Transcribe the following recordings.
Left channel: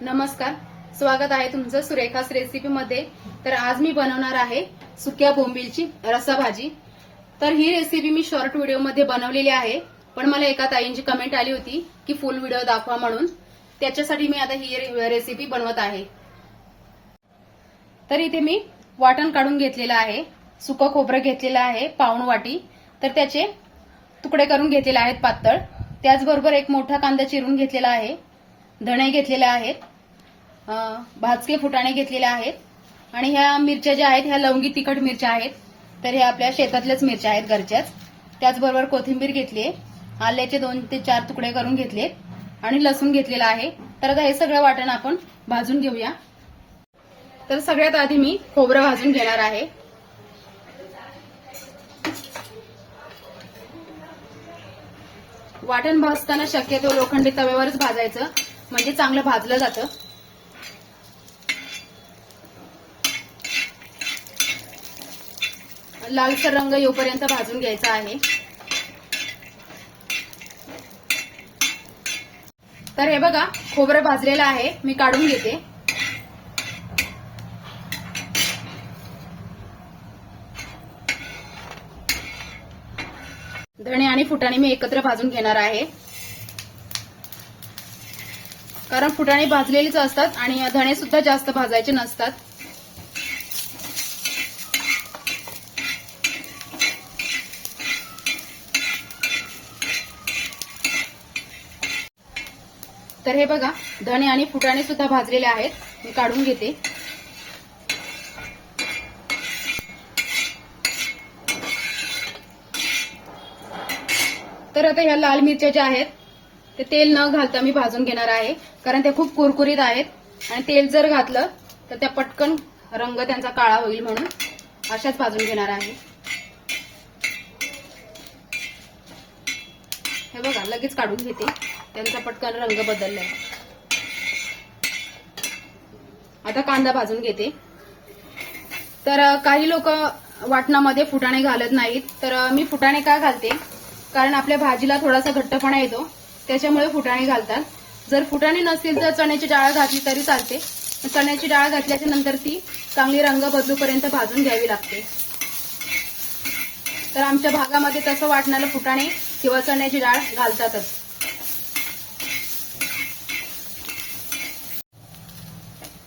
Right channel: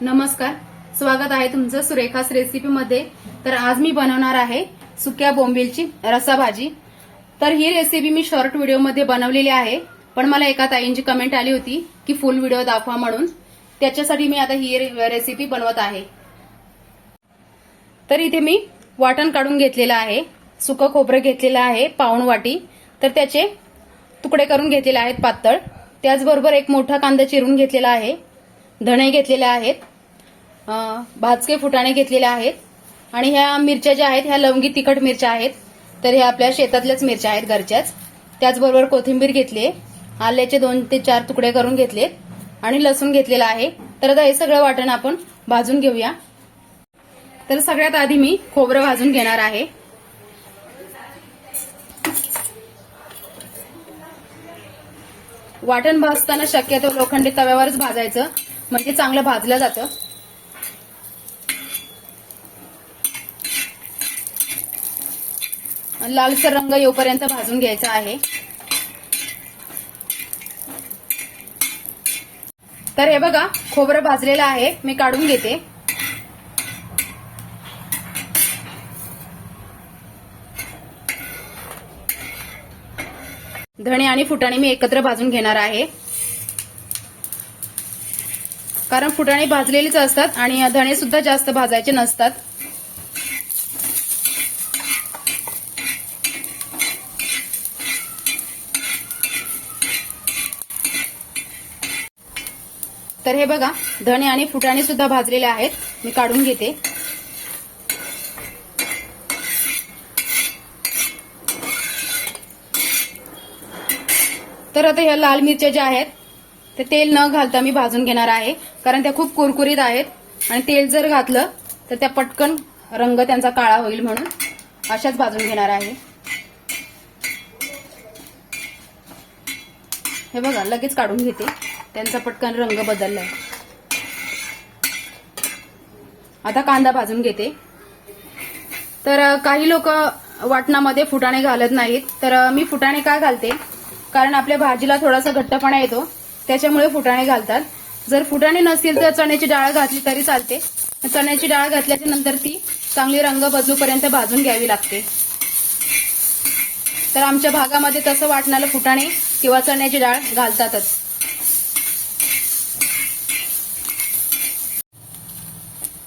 नमस्कार. स्वागत आहे तुमचं सुरेखास रेसिपी मध्ये. तर आज मी बनवणार आहे सुक्या बोंबीलची रसा भाजी तर ही रेसिपी मी शॉर्ट व्हिडिओमध्ये बनवलेली आहे. पण मला एका ताईंची कमेंट आली होती की फुल व्हिडिओ दाखवा म्हणून. त्याच्यासाठी मी आता ही रे- रेसिपी बनवत आहे. तर इथे मी वाटण काढून घेतलेलं आहे. सुकं खोबरं घेतलेलं आहे पाऊण वाटी. तर त्याचे तुकडे करून घेतलेले आहेत पातळ. त्याचबरोबर एक मोठा कांदा चिरून घेतलेला आहे. धणे घेतलेले आहेत भाजके फुटाणे घेतलेले आहेत आणि ह्या मिरच्या ज्या आहेत ह्या लवंगी तिखट मिरच्या आहेत तर ह्या आपल्या शेतातल्याच मिरच्या आहेत घरच्याच. त्याचबरोबर कोथिंबीर घेतली आहे आल्याचे दोन ते चार तुकडे करून घेतलेत आणि लसूण घेतलेला आहे. तर आता हे सगळं वाटण आपण भाजून घेऊया. तर सगळ्यात आधी मी खोबरं भाजून घेणार आहे. वाटण भाजताना शक्यतो लोखंडी तव्यावरच भाजायचं. म्हणजे चांगलं भाजलं जातं. लालसर रंग येऊपर्यंत भाजून घ्यायचा आहे. तर हे बघा खोबरं भाजलेलं आहे मी काढून घेते. धणे आणि फुटाणे मी एकत्र भाजून घेणार आहे. कारण फुटाणे भाजलेलेच असतात आणि धणे सुद्धा जास्त भाजायचे नसतात. तर हे बघा धणे आणि फुटाणे सुद्धा भाजलेले आहेत. मी काढून घेते. तर आता ह्या लाल मिरच्या ज्या आहेत ते तेल न घालता मी भाजून घेणार आहे. कारण ते खूप कुरकुरीत आहेत. आणि तेल जर घातलं तर त्या पटकन रंग त्यांचा काळा होईल म्हणून अशाच भाजून घेणार आहे. हे बघा लगेच काढून घेते. त्यांचा पटकन रंग बदलला आता कांदा भाजून घेते. तर काही लोक वाटणामध्ये फुटाणे घालत नाहीत. तर मी फुटाणे का घालते? कारण आपल्या भाजीला थोडासा घट्टपणा येतो. त्याच्यामुळे फुटाणे घालतात. जर फुटाणे नसतील तर चण्याची डाळ घातली तरी चालते. चण्याची डाळ घातल्याच्या नंतर ती चांगली रंग बदलूपर्यंत भाजून घ्यावी लागते. तर आमच्या भागामध्ये तसं वाटणारं फुटाणे किंवा चण्याची डाळ घालतातच.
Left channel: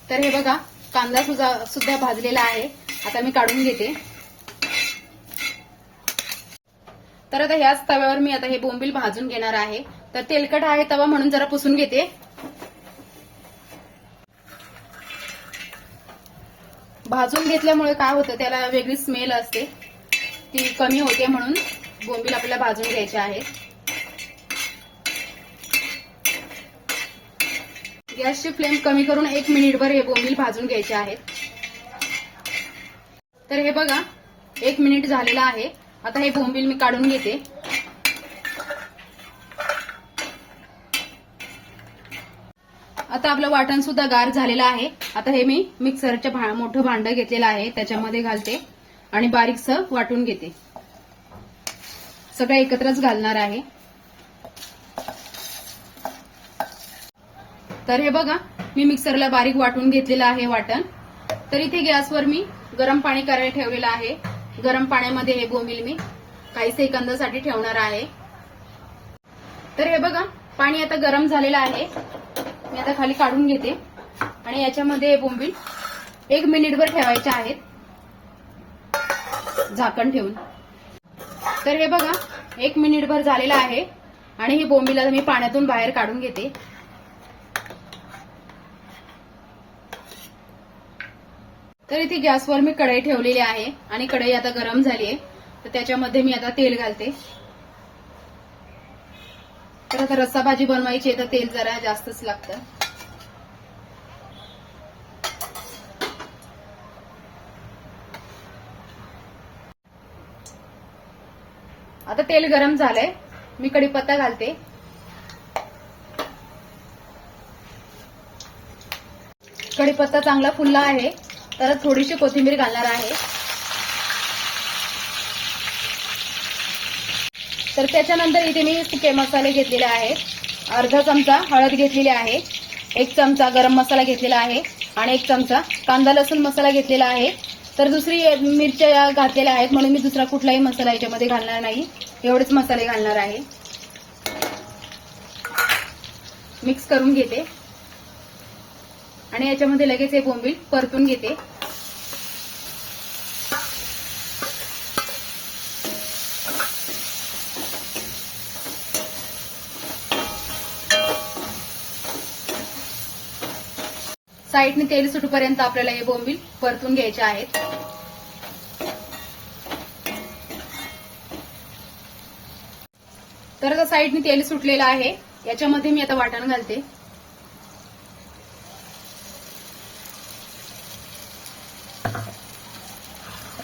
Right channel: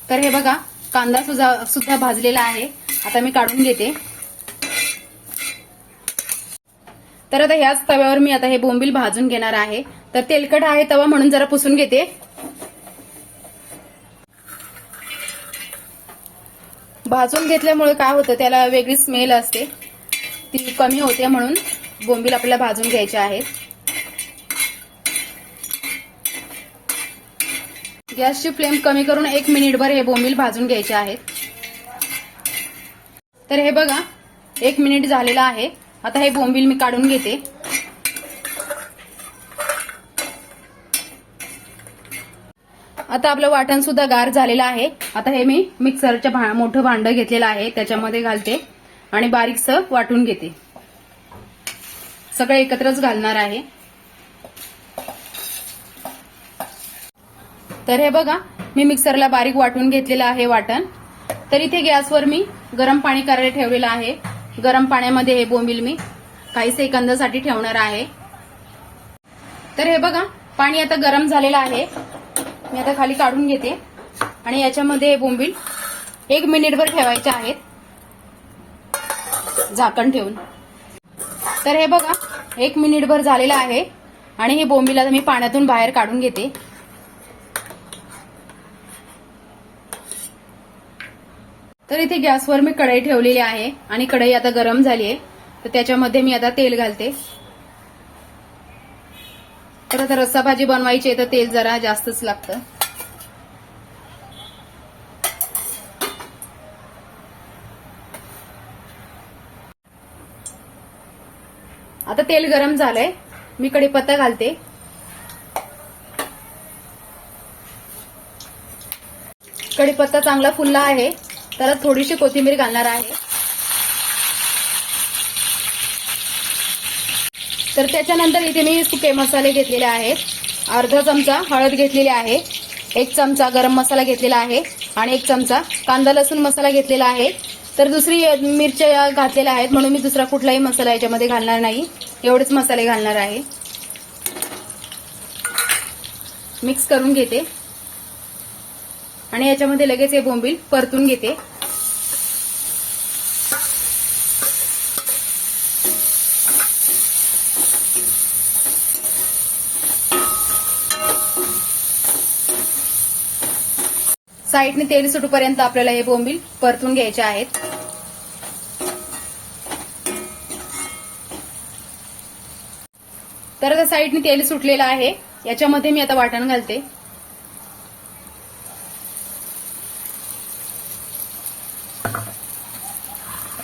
तर हे बघा कांदा सुद्धा भाजलेला आहे. आता मी काढून घेते. तर आता ह्याच तव्यावर मी आता हे बोंबील भाजून घेणार आहे. तर तेलकट आहे तवा म्हणून जरा पुसून घेते. भाजून घेतल्यामुळे काय होतं त्याला वेगळी स्मेल असते. ती कमी होते म्हणून बोंबील आपल्याला भाजून घ्यायचे आहेत. गॅसची फ्लेम कमी करून एक मिनिटभर हे बोंबील भाजून घ्यायचे आहेत. तर हे बघा एक मिनिट झालेलं आहे. आता हे बोंबील मी काढून घेते. आता आपलं वाटण सुद्धा गार झालेलं आहे. आता हे मी मिक्सरच्या भा- मोठं भांड घेतलेलं आहे. त्याच्यामध्ये घालते आणि बारीकसं वाटून घेते. सगळं एकत्रच घालणार आहे. तर हे बघा मी मिक्सरला बारीक वाटून घेतलेलं आहे वाटण. तर इथे गॅसवर मी गरम पाणी करायला ठेवलेलं आहे. गरम पाण्यामध्ये हे बोंबील मी काही सेकंदासाठी ठेवणार आहे. तर हे बघा पाणी आता गरम झालेलं आहे. मी आता खाली काढून घेते. आणि याच्यामध्ये हे बोंबील एक मिनिटभर ठेवायचे आहेत. झाकण ठेवून. तर हे बघा एक मिनिटभर झालेलं आहे. आणि हे बोंबील आता मी पाण्यातून बाहेर काढून घेते. तर इथे गॅसवर मी कढई ठेवलेली आहे आणि कढई आता गरम झाली आहे. तर त्याच्यामध्ये मी आता तेल घालते. तर आता रस्सा भाजी बनवायची आहे तर तेल जरा जास्तच लागतं. आता तेल गरम झालंय. मी कढीपत्ता घालते. कढीपत्ता चांगला फुलला आहे. तर थोडीशी कोथिंबीर घालणार आहे. तर त्याच्यानंतर इथे मी सुके मसाले घेतलेले आहेत. अर्धा चमचा हळद घेतलेली आहे. एक चमचा गरम मसाला घेतलेला आहे आणि एक चमचा कांदा लसूण मसाला घेतलेला आहे. तर दुसरी मिरच्या घातलेल्या आहेत म्हणून मी दुसरा कुठलाही मसाला याच्यामध्ये घालणार नाही. एवढेच मसाले घालणार आहे. मिक्स करून घेते. आणि याच्यामध्ये लगेच हे बोंबील परतून घेते. साईडने तेल सुटूपर्यंत आपल्याला हे बोंबील परतून घ्यायचे आहेत. तर साईडने तेल सुटलेलं आहे. याच्यामध्ये मी आता वाटण घालते.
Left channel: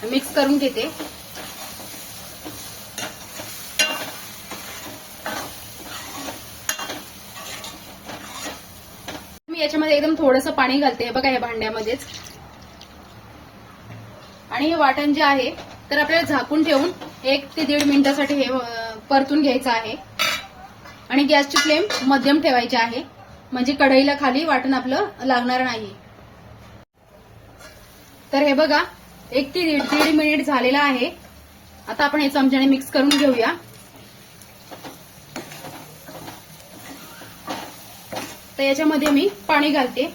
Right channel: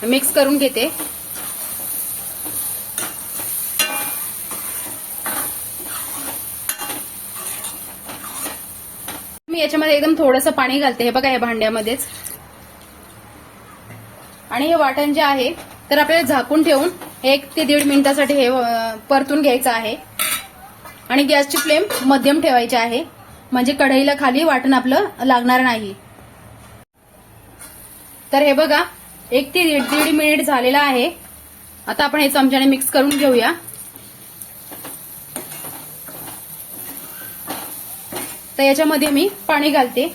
मिक्स करून घेते. मी याच्यामध्ये एकदम थोडंसं पाणी घालते. हे बघा या भांड्यामध्येच. आणि हे वाटण जे आहे तर आपल्याला झाकून ठेवून एक ते दीड मिनिटासाठी हे परतून घ्यायचं आहे. आणि गॅसची फ्लेम मध्यम ठेवायची आहे. म्हणजे कढईला खाली वाटण आपलं लागणार नाही. तर हे बघा एक ते दीड दीड मिनिट झालेला आहे. आता आपण हे चमच्याने मिक्स करून घेऊया. तर याच्यामध्ये मी पाणी घालते.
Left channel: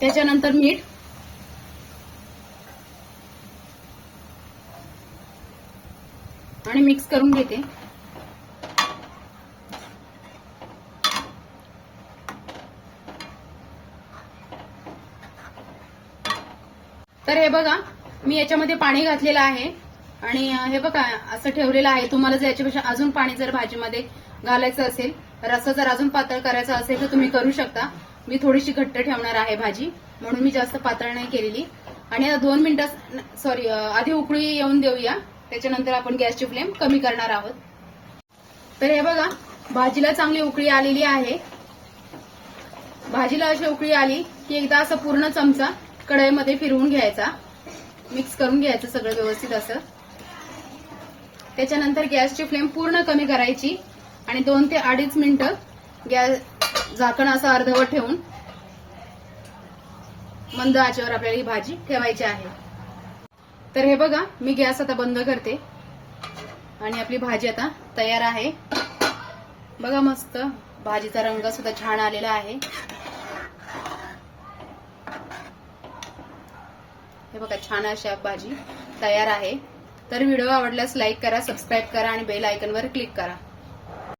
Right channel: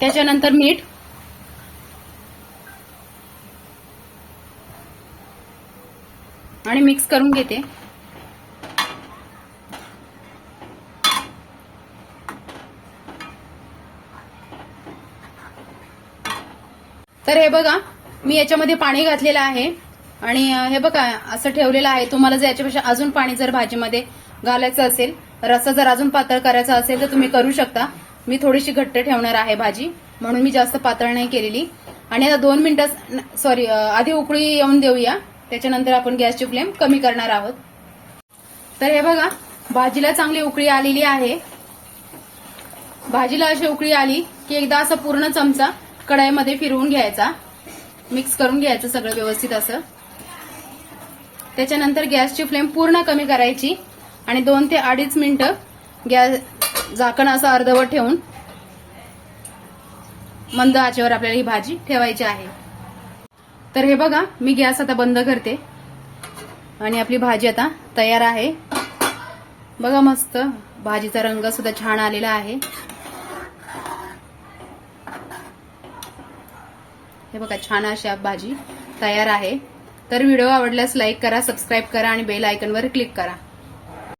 त्याच्यानंतर मीठ. आणि मिक्स करून घेते. तर हे बघा मी याच्यामध्ये पाणी घातलेलं आहे. आणि हे बघा असं ठेवलेलं आहे. तुम्हाला जर याच्यापेक्षा अजून पाणी जर भाजीमध्ये घालायचं असेल रस्सा जर अजून पातळ करायचा असेल तर तुम्ही करू शकता. मी थोडीशी घट्ट ठेवणार आहे भाजी म्हणून मी जास्त पातळ नाही केलेली. आणि आता दोन मिनिटं सॉरी आधी उकळी येऊन देऊया. त्याच्यानंतर आपण गॅसची फ्लेम कमी करणार आहोत. तर हे बघा भाजीला चांगली उकळी आलेली आहे. भाजीला अशी उकळी आली की एकदा असं पूर्ण चमचा कढईमध्ये फिरवून घ्यायचा. मिक्स करून घ्यायचं सगळं व्यवस्थित असं. त्याच्यानंतर गॅसची फ्लेम पूर्ण कमी करायची आणि दोन ते अडीच मिनिटं गॅस झाकण असं अर्धवट ठेवून मंद आचेवर आपल्याला ही भाजी ठेवायची आहे. तर हे बघा मी गॅस आता बंद करते आणि आपली भाजी आता तयार आहे. बघा मस्त भाजीचा रंग सुद्धा छान आलेला आहे. हे बघा छान अशी भाजी तयार आहे. तर व्हिडिओ आवडल्यास लाईक करा सबस्क्राईब करा आणि बेल आयकनवर क्लिक करा.